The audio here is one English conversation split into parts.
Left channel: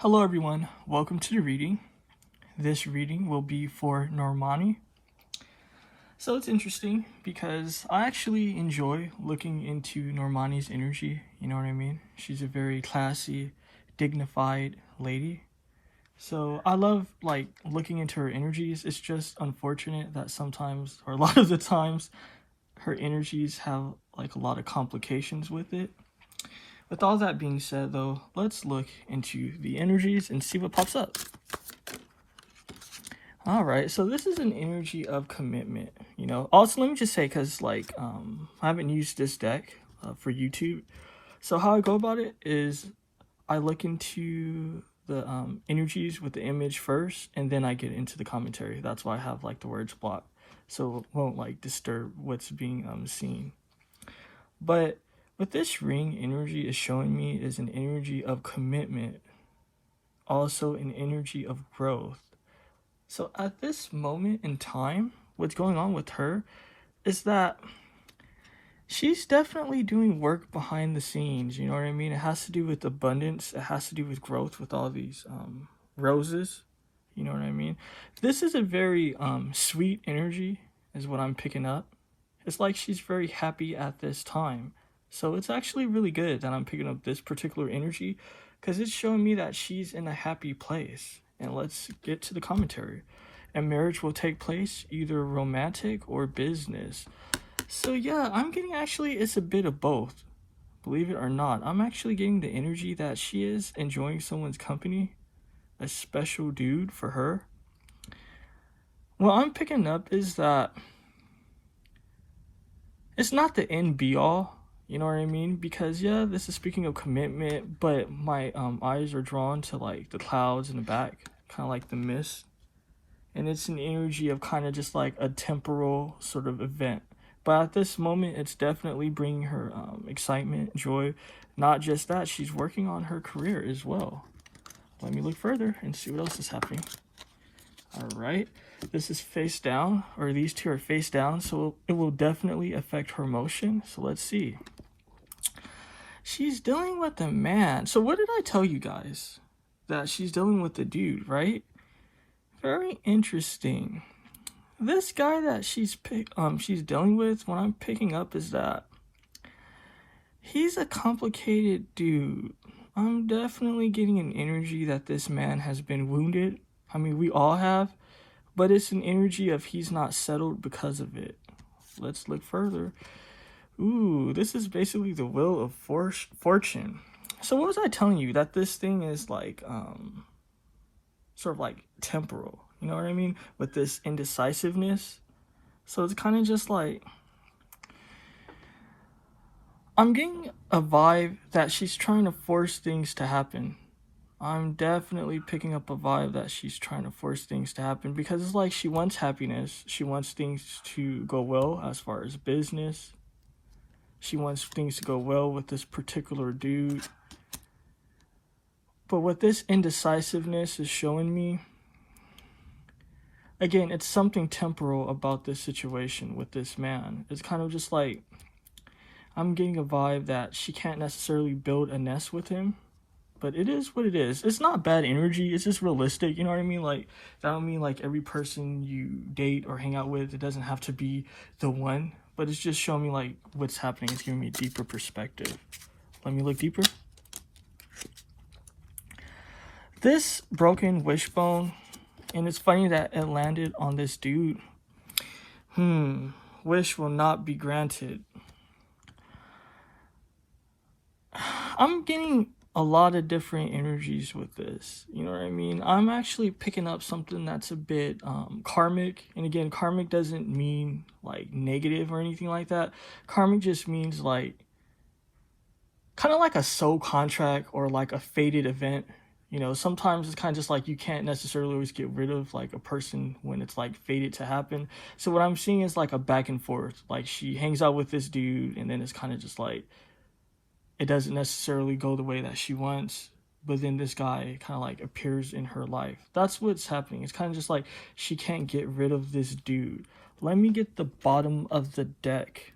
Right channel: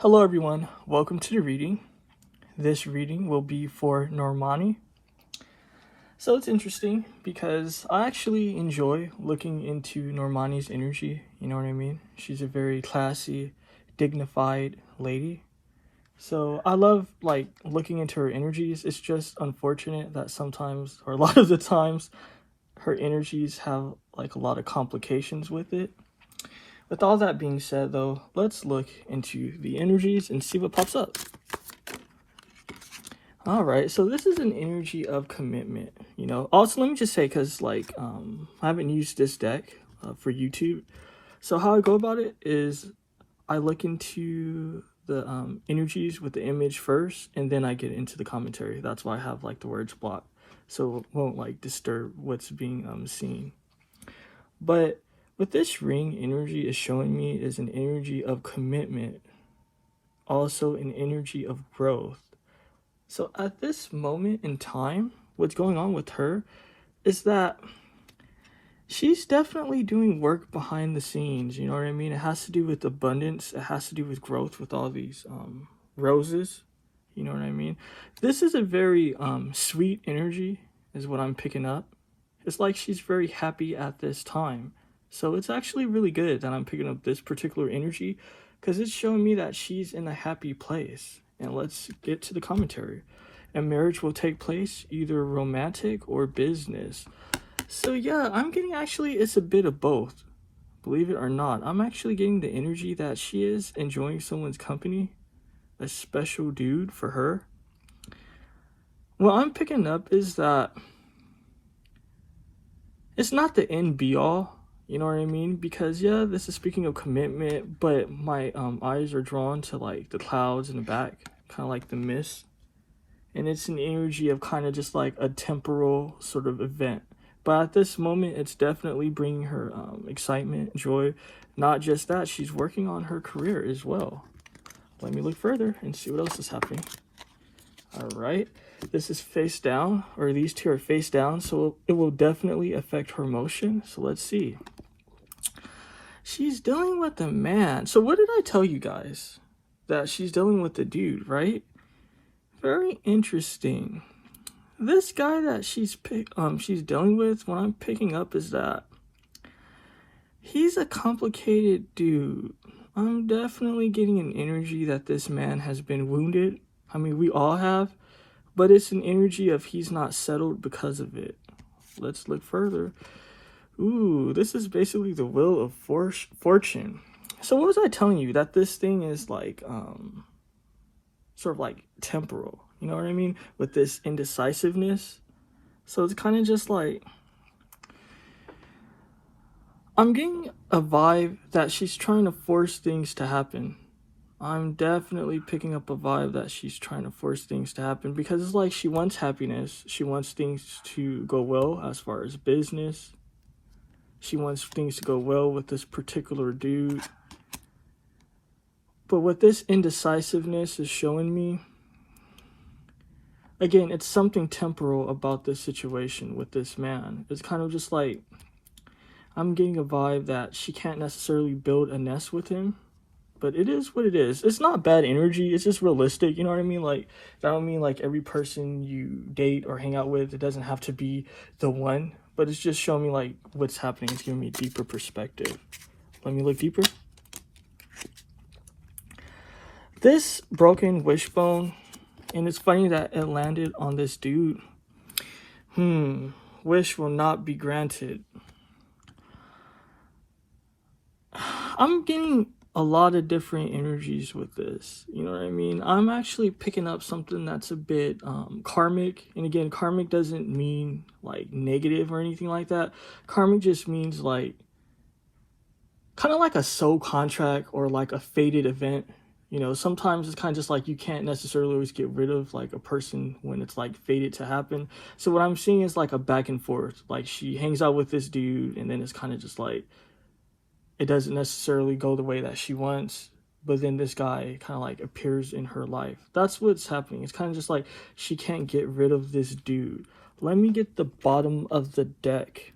Hello everyone, welcome to the reading. This reading will be for Normani. So it's interesting because I actually enjoy looking into Normani's energy, you know what I mean? She's a very classy, dignified lady. So I love looking into her energies. It's just unfortunate that sometimes, or a lot of the times, her energies have a lot of complications with it. With all that being said, though, let's look into the energies and see what pops up. All right, so this is an energy of commitment, you know. Also, let me just say, because I haven't used this deck for YouTube. So how I go about it is I look into the energies with the image first, and then I get into the commentary. That's why I have the words blocked, so it won't disturb what's being seen. But what this ring energy is showing me is an energy of commitment, also an energy of growth. So at this moment in time, what's going on with her is that she's definitely doing work behind the scenes, you know what I mean? It has to do with abundance, it has to do with growth with all these roses, you know what I mean? This is a very sweet energy is what I'm picking up. It's like she's very happy at this time. So it's actually really good that I'm picking up this particular energy because it's showing me that she's in a happy place. And let's get to the commentary. A marriage will take place, either romantic or business. So yeah, I'm getting it's a bit of both. Believe it or not, I'm actually getting the energy that she is enjoying someone's company, a special dude for her. What I'm picking up is that it's not the end be all. You know what I mean? Because yeah, this is speaking of commitment, but my eyes are drawn to the clouds in the back, kind of like the mist. And it's an energy of kind of just a temporal sort of event. But at this moment, it's definitely bringing her excitement, joy. Not just that, she's working on her career as well. Let me look further and see what else is happening. All right. This is face down, or these two are face down, so it will definitely affect her motion. So let's see. She's dealing with a man. So what did I tell you guys? That she's dealing with the dude, right? Very interesting. This guy that she's dealing with, what I'm picking up is that he's a complicated dude. I'm definitely getting an energy that this man has been wounded. I mean, we all have. But it's an energy of he's not settled because of it. Let's look further. Ooh, this is basically the wheel of fortune. So what was I telling you? That this thing is sort of temporal. You know what I mean? With this indecisiveness. So it's kind of just I'm getting a vibe that she's trying to force things to happen. I'm definitely picking up a vibe that she's trying to force things to happen because it's she wants happiness. She wants things to go well as far as business. She wants things to go well with this particular dude. But what this indecisiveness is showing me, again, it's something temporal about this situation with this man. It's kind of just I'm getting a vibe that she can't necessarily build a nest with him. But it is what it is. It's not bad energy. It's just realistic. You know what I mean? That don't mean every person you date or hang out with, it doesn't have to be the one. But it's just showing me what's happening. It's giving me a deeper perspective. Let me look deeper. This broken wishbone, and it's funny that it landed on this dude. Wish will not be granted. I'm getting a lot of different energies with this, you know what I mean? I'm actually picking up something that's a bit karmic, and again, karmic doesn't mean negative or anything like that. Karmic just means kind of a soul contract or a fated event. You know, sometimes it's kind of just you can't necessarily always get rid of a person when it's fated to happen. So what I'm seeing is a back and forth. She hangs out with this dude, and then it's kind of just it doesn't necessarily go the way that she wants, but then this guy kind of appears in her life. That's what's happening. It's kind of just she can't get rid of this dude. Let me get the bottom of the deck.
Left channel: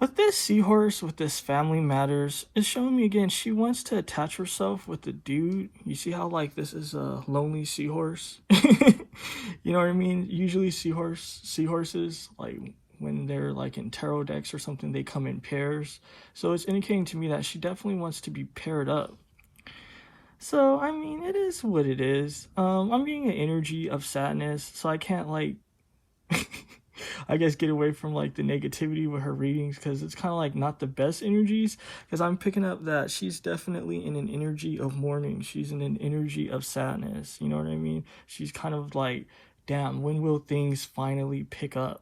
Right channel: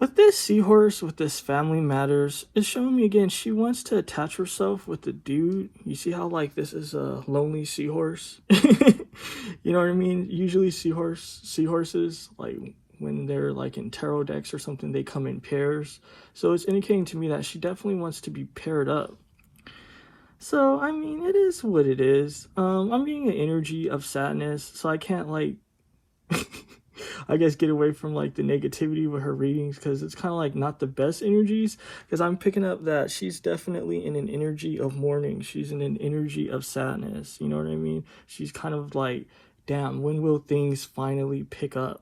With this seahorse, with this family matters, it's showing me again, she wants to attach herself with the dude. You see how like this is a lonely seahorse? You know what I mean? Usually seahorses, like when they're like in tarot decks or something, they come in pairs. So it's indicating to me that she definitely wants to be paired up. So, I mean, it is what it is. I'm getting an energy of sadness, so I can't like I guess get away from like the negativity with her readings, because it's kind of like not the best energies, because I'm picking up that she's definitely in an energy of mourning. She's in an energy of sadness. You know what I mean? She's kind of like, damn, when will things finally pick up?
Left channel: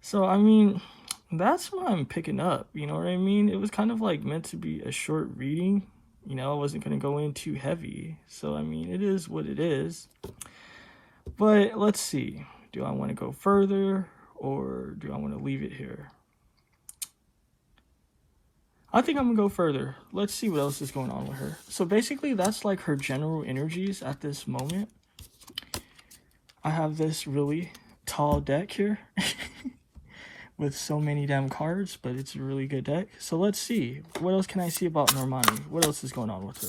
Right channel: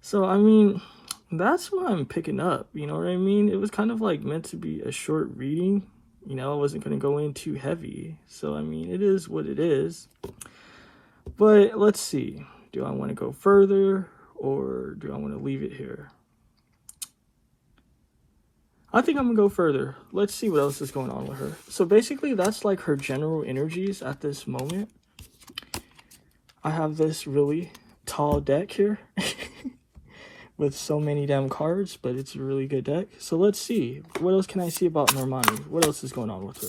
So, I mean, that's what I'm picking up. You know what I mean? It was kind of like meant to be a short reading. You know, I wasn't going to go in too heavy. So, I mean, it is what it is. But let's see. Do I want to go further, or do I want to leave it here? I think I'm going to go further. Let's see what else is going on with her. So basically, that's like her general energies at this moment. I have this really tall deck here with so many damn cards, but it's a really good deck. So let's see. What else can I see about Normani? What else is going on with her?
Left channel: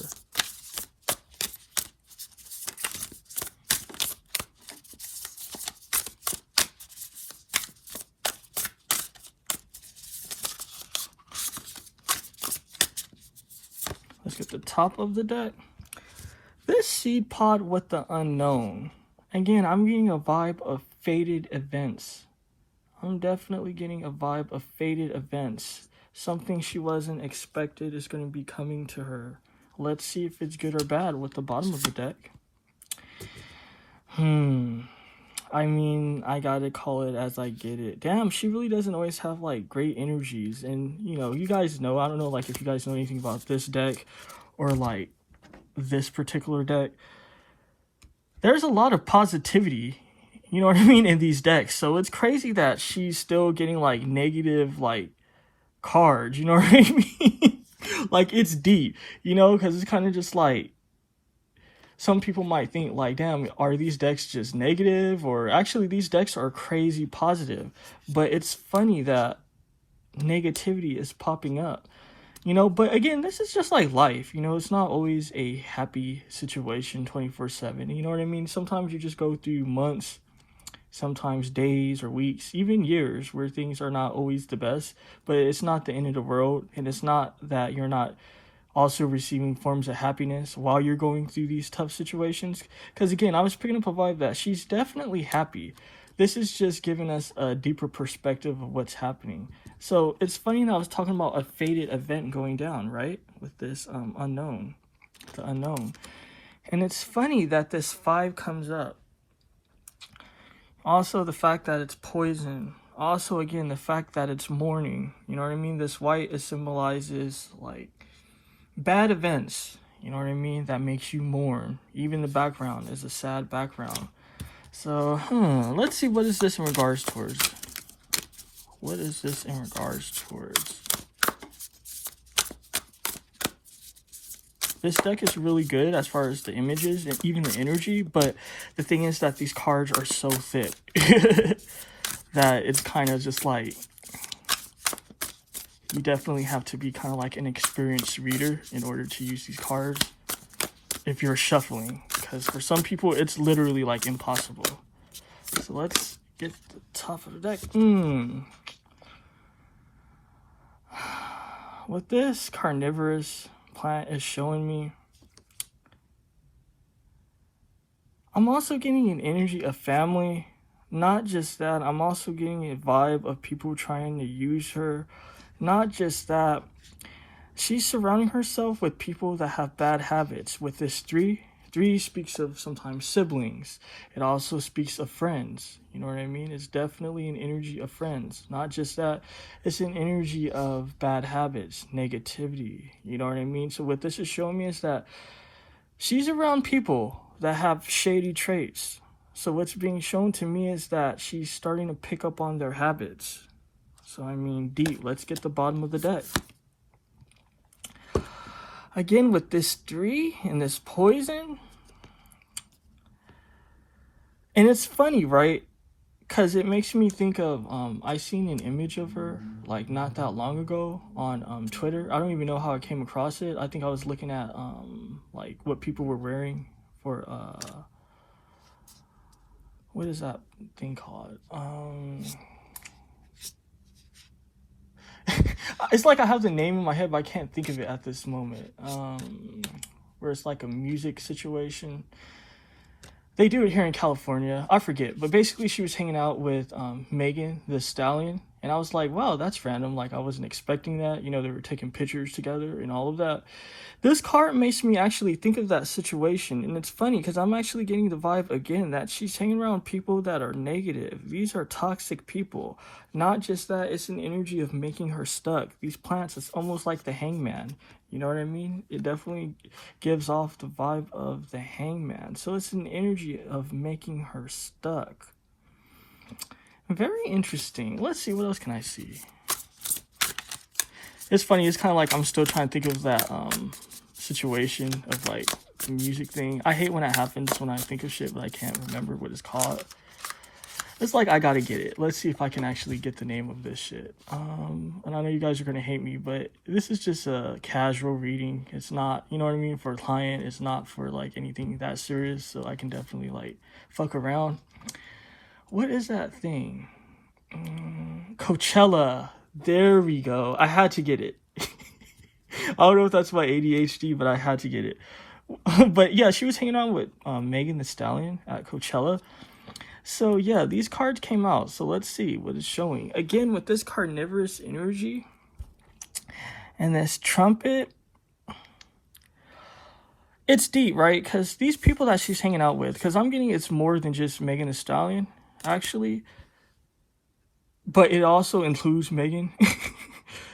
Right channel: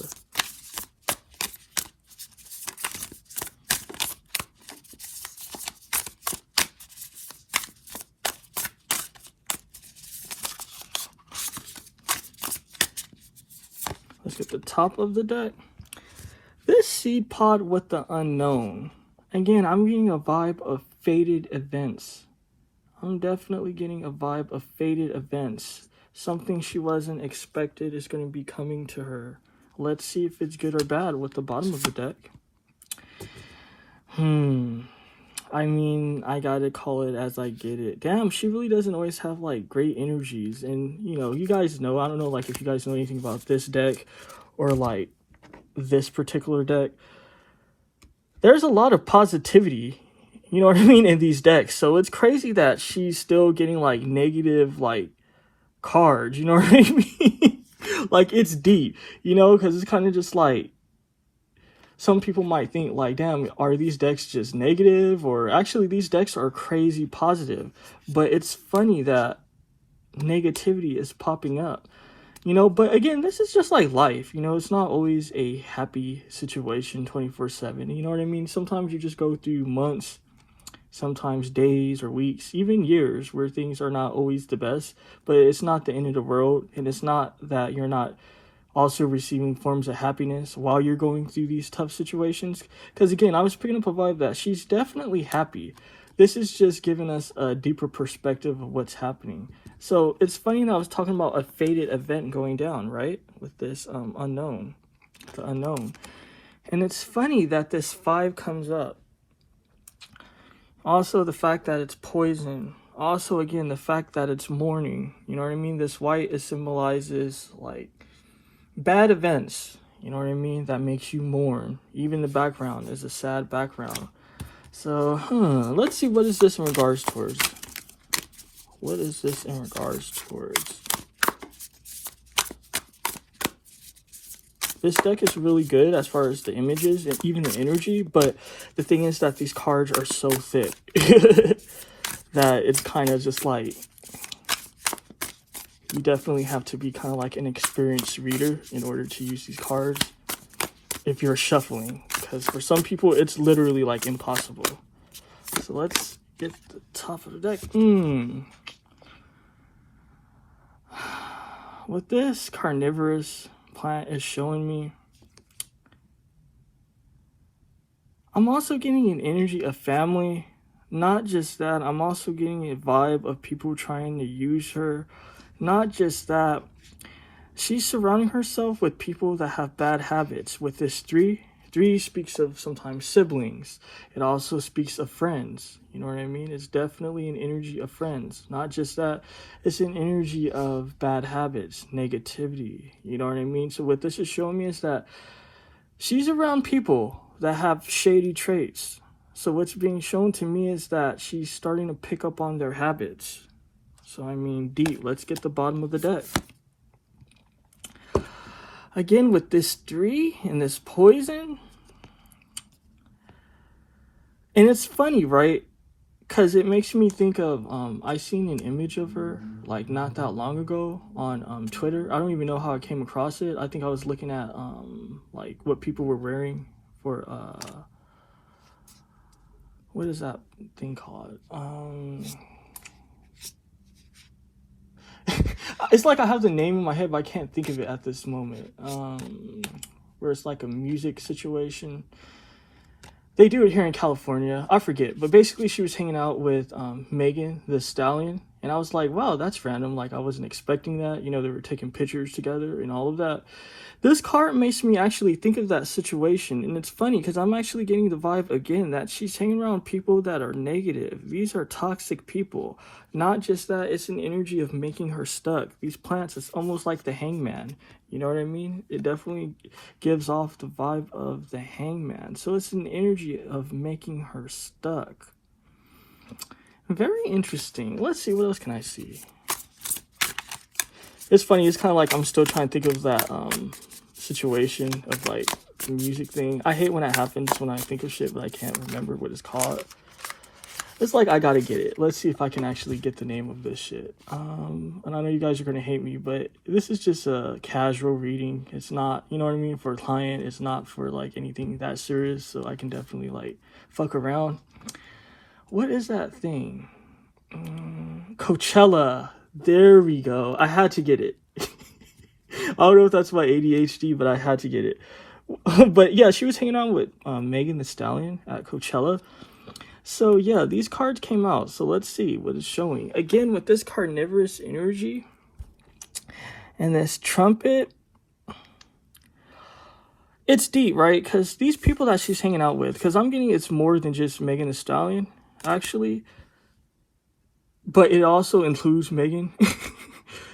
Let's get the top of the deck. This seed pod with the unknown. Again, I'm getting a vibe of fated events. I'm definitely getting a vibe of fated events. Something she wasn't expected is going to be coming to her. Let's see if it's good or bad with the bottom of the deck. I mean, I gotta call it as I get it. Damn, she really doesn't always have like great energies. And you know, you guys know, I don't know like if you guys know anything about this deck or like this particular deck. There's a lot of positivity, you know what I mean, in these decks. So it's crazy that she's still getting like negative like cards, you know what I mean? Like it's deep, you know, because it's kind of just like, some people might think like, damn, are these decks just negative? Or actually these decks are crazy positive. But it's funny that negativity is popping up, you know. But again, this is just like life, you know. It's not always a happy situation 24/7, you know what I mean? Sometimes you just go through months, sometimes days or weeks, even years, where things are not always the best. But it's not the end of the world, and it's not that you're not also receiving forms of happiness while you're going through these tough situations. Because again, I was picking up a vibe that she's definitely happy. This is just giving us a deeper perspective of what's happening. So it's funny that I was talking about a fated event going down, right? With this unknown, the unknown. And it's funny that this 5 comes up. Also the fact that it's poison. Also, again, the fact that it's mourning. You know what I mean? This white, it symbolizes like bad events, you know what I mean, that makes you mourn. Even the background is a sad background. So, let's see, what is this in regards towards? What is this in regards towards? This deck is really good as far as the images and even the energy, but the thing is that these cards are so thick that it's kind of just like, you definitely have to be kind of like an experienced reader in order to use these cards if you're shuffling, because for some people it's literally like impossible. So let's get the top of the deck. What this carnivorous plant is showing me, I'm also getting an energy of family. Not just that, I'm also getting a vibe of people trying to use her. Not just that, she's surrounding herself with people that have bad habits. With this 3 speaks of sometimes siblings. It also speaks of friends. You know what I mean? It's definitely an energy of friends. Not just that, it's an energy of bad habits, negativity. You know what I mean? So what this is showing me is that she's around people that have shady traits. So what's being shown to me is that she's starting to pick up on their habits. So, I mean, deep. Let's get the bottom of the deck. Again, with this 3 and this poison. And it's funny, right? Because it makes me think of, I seen an image of her, like, not that long ago on Twitter. I don't even know how I came across it. I think I was looking at, like, what people were wearing for, what is that thing called? It's like I have the name in my head, but I can't think of it at this moment. Where it's like a music situation. They do it here in California. I forget. But basically, she was hanging out with Megan the Stallion. And I was like, wow, that's random. Like, I wasn't expecting that. You know, they were taking pictures together and all of that. This card makes me actually think of that situation. And it's funny because I'm actually getting the vibe again that she's hanging around people that are negative. These are toxic people. Not just that, it's an energy of making her stuck. These plants, it's almost like the hangman. You know what I mean? It definitely gives off the vibe of the hangman. So it's an energy of making her stuck. Very interesting. Let's see, what else can I see? It's funny, it's kind of like I'm still trying to think of that situation of like the music thing. I hate when that happens when I think of shit, but I can't remember what it's called. It's like I gotta get it. Let's see if I can actually get the name of this shit. And I know you guys are gonna hate me, but this is just a casual reading. It's not, you know what I mean, for a client. It's not for like anything that serious, so I can definitely like fuck around. What is that thing? Coachella. There we go. I had to get it. I don't know if that's my ADHD, but I had to get it. But yeah, she was hanging out with Megan the Stallion at Coachella. So yeah, these cards came out. So let's see what it's showing. Again, with this carnivorous energy and this trumpet, it's deep, right? Because these people that she's hanging out with, because I'm getting it's more than just Megan the Stallion, actually. But it also includes Megan.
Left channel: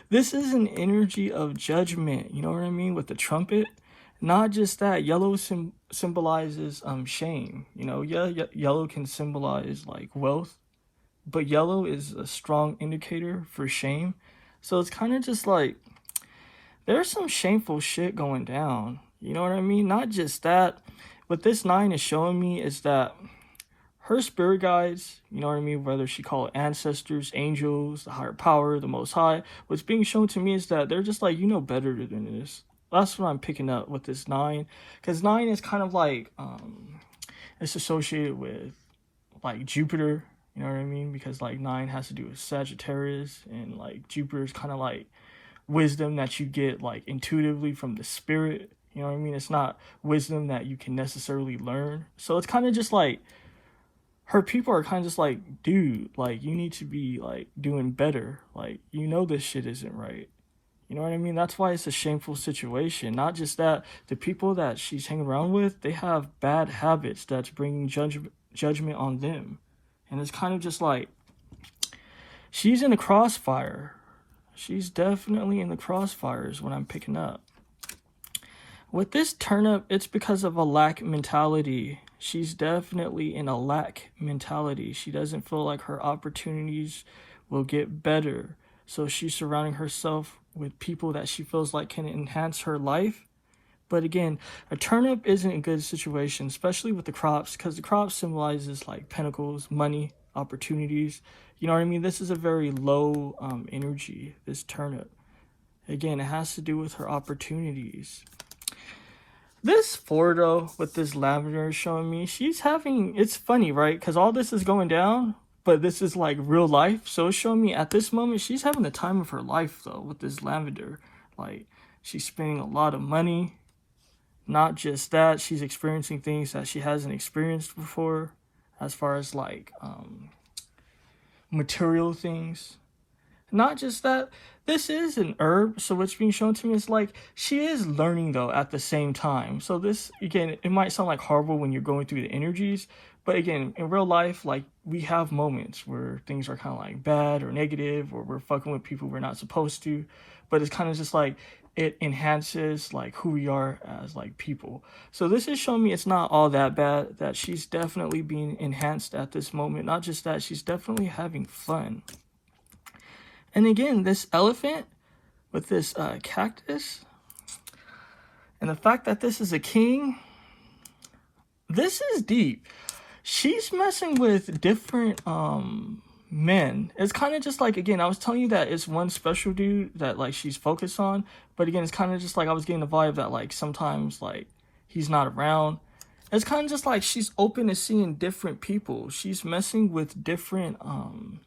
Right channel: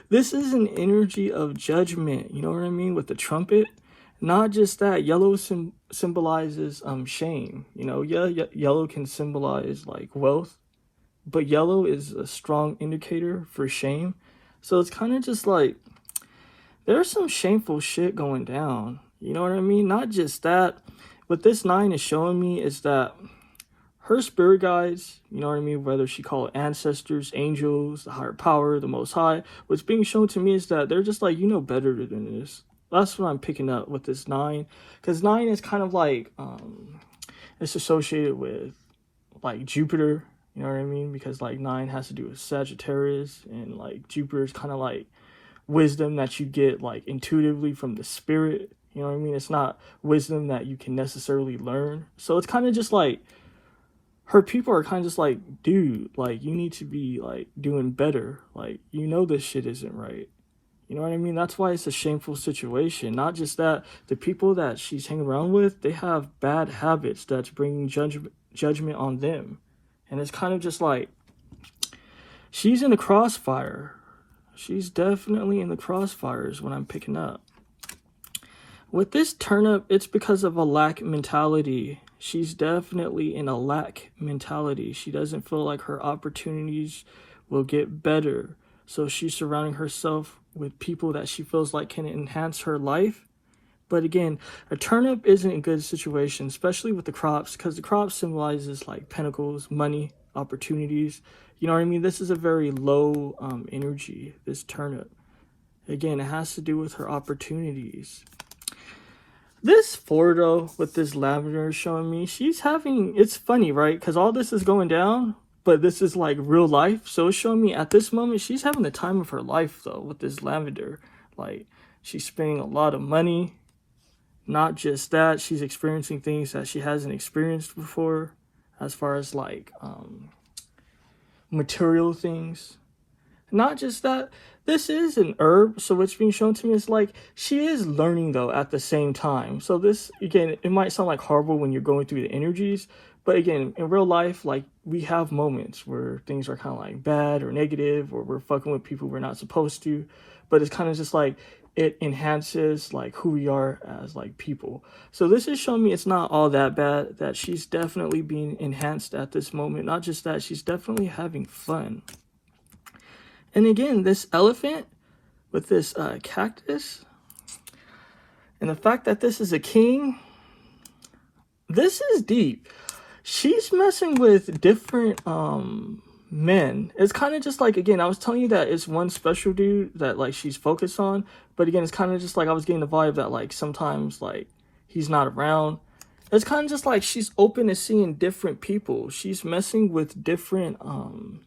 This is an energy of judgment. You know what I mean? With the trumpet. Not just that. Yellow symbolizes shame. You know, yeah, yellow can symbolize like wealth. But yellow is a strong indicator for shame. So it's kind of just like, there's some shameful shit going down. You know what I mean? Not just that. What this 9 is showing me is that her spirit guides, you know what I mean, whether she call it ancestors, angels, the higher power, the most high, what's being shown to me is that they're just like, you know better than this. That's what I'm picking up with this 9. Because 9 is kind of like, it's associated with like Jupiter, you know what I mean? Because like 9 has to do with Sagittarius, and like Jupiter is kind of like wisdom that you get like intuitively from the spirit, you know what I mean? It's not wisdom that you can necessarily learn. So it's kind of just like, her people are kind of just like, dude, like, you need to be, like, doing better. Like, you know this shit isn't right. You know what I mean? That's why it's a shameful situation. Not just that, the people that she's hanging around with, they have bad habits that's bringing judgment on them. And it's kind of just like, she's in the crossfire. She's definitely in the crossfires when I'm picking up. With this turnip, it's because of a lack mentality. She's definitely in a lack mentality. She doesn't feel like her opportunities will get better. So she's surrounding herself with people that she feels like can enhance her life. But again, a turnip isn't a good situation, especially with the crops, because the crop symbolizes like pentacles, money, opportunities. You know what I mean? This is a very low energy, this turnip. Again, it has to do with her opportunities. This 4, though, with this lavender showing me, she's having, it's funny, right? Because all this is going down, but this is like real life. So it's showing me at this moment, she's having the time of her life, though, with this lavender. Like, she's spending a lot of money. Not just that, she's experiencing things that she hasn't experienced before, as far as like material things. Not just that, this is an herb, so what's being shown to me is like, she is learning though at the same time. So this, again, it might sound like horrible when you're going through the energies, but again, in real life, like, we have moments where things are kind of like bad or negative, or we're fucking with people we're not supposed to, but it's kind of just like, it enhances like who we are as like people. So this is showing me it's not all that bad, that she's definitely being enhanced at this moment. Not just that, she's definitely having fun. And again, this elephant with this cactus, and the fact that this is a king, this is deep. she's messing with different men. It's kind of just like, again, I was telling you that it's one special dude that like she's focused on, but again, it's kind of just like I was getting the vibe that like sometimes like he's not around. It's kind of just like she's open to seeing different people. She's messing with different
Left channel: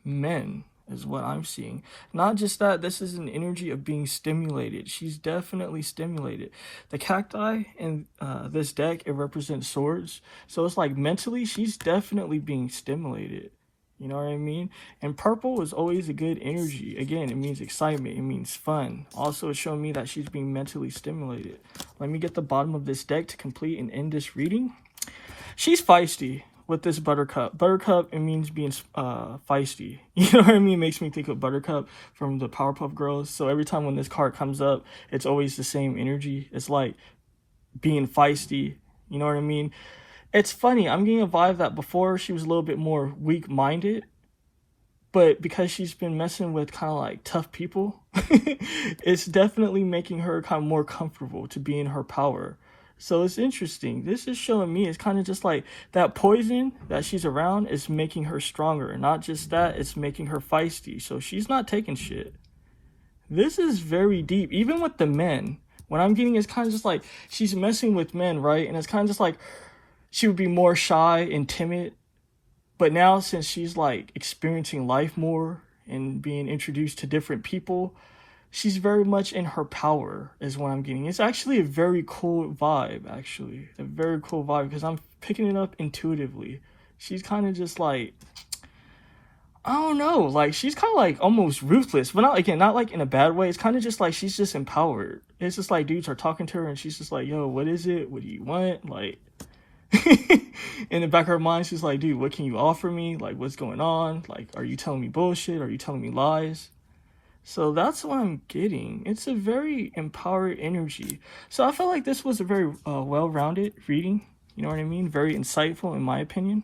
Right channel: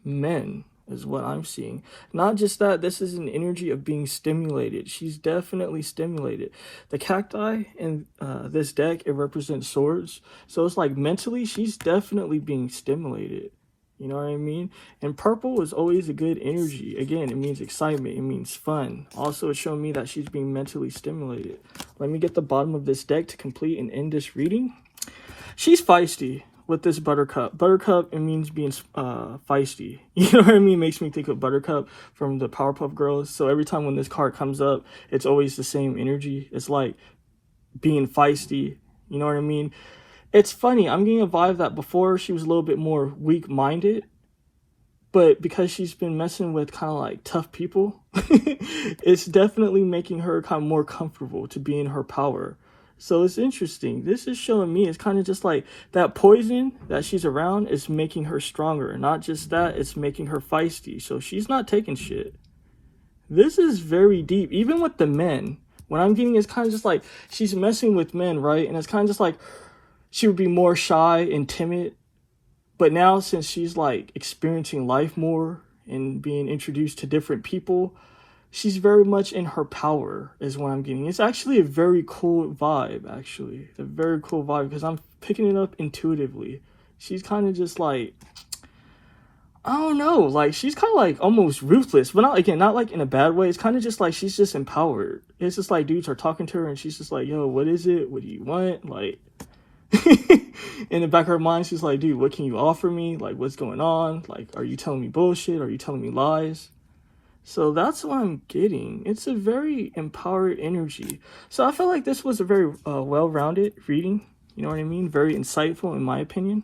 men is what I'm seeing. Not just that, this is an energy of being stimulated. She's definitely stimulated. The cacti in this deck, it represents swords. So it's like mentally, she's definitely being stimulated. You know what I mean? And purple is always a good energy. Again, it means excitement. It means fun. Also, it's showing me that she's being mentally stimulated. Let me get the bottom of this deck to complete and end this reading. She's feisty with this buttercup. Buttercup, it means being feisty. You know what I mean? Makes me think of Buttercup from the Powerpuff Girls. So every time when this card comes up, it's always the same energy. It's like being feisty. You know what I mean? It's funny, I'm getting a vibe that before she was a little bit more weak-minded, but because she's been messing with kind of like tough people, it's definitely making her kind of more comfortable to be in her power. So it's interesting. This is showing me it's kind of just like that poison that she's around is making her stronger. Not just that, it's making her feisty. So she's not taking shit. This is very deep. Even with the men, what I'm getting is kind of just like she's messing with men, right? And it's kind of just like she would be more shy and timid. But now since she's like experiencing life more and being introduced to different people, she's very much in her power is what I'm getting. It's actually a very cool vibe, actually. It's a very cool vibe because I'm picking it up intuitively. She's kind of just like, I don't know, like she's kind of like almost ruthless, but not, again, not like in a bad way. It's kind of just like she's just empowered. It's just like dudes are talking to her and she's just like, yo, what is it? What do you want? Like, in the back of her mind, she's like, dude, what can you offer me? Like, what's going on? Like, are you telling me bullshit? Are you telling me lies? So that's what I'm getting. It's a very empowered energy. So I feel like this was a very well-rounded reading. You know what I mean? Very insightful in my opinion.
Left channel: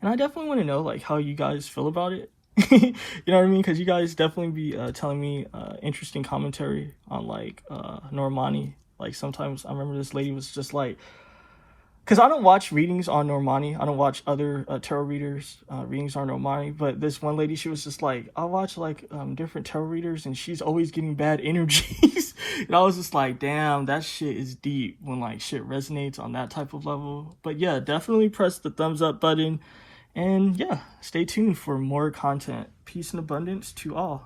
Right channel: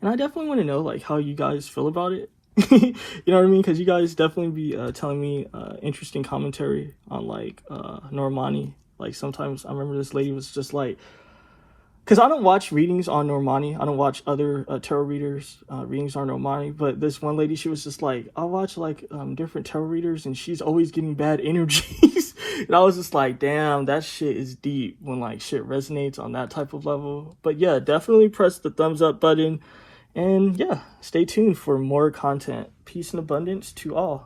And I definitely want to know like how you guys feel about it. You know what I mean? Because you guys definitely be telling me interesting commentary on like Normani. Like sometimes I remember this lady was just like, because I don't watch readings on Normani. I don't watch other tarot readers readings on Normani. But this one lady, she was just like, I watch like different tarot readers and she's always getting bad energies. And I was just like, damn, that shit is deep when like shit resonates on that type of level. But yeah, definitely press the thumbs up button. And yeah, stay tuned for more content. Peace and abundance to all.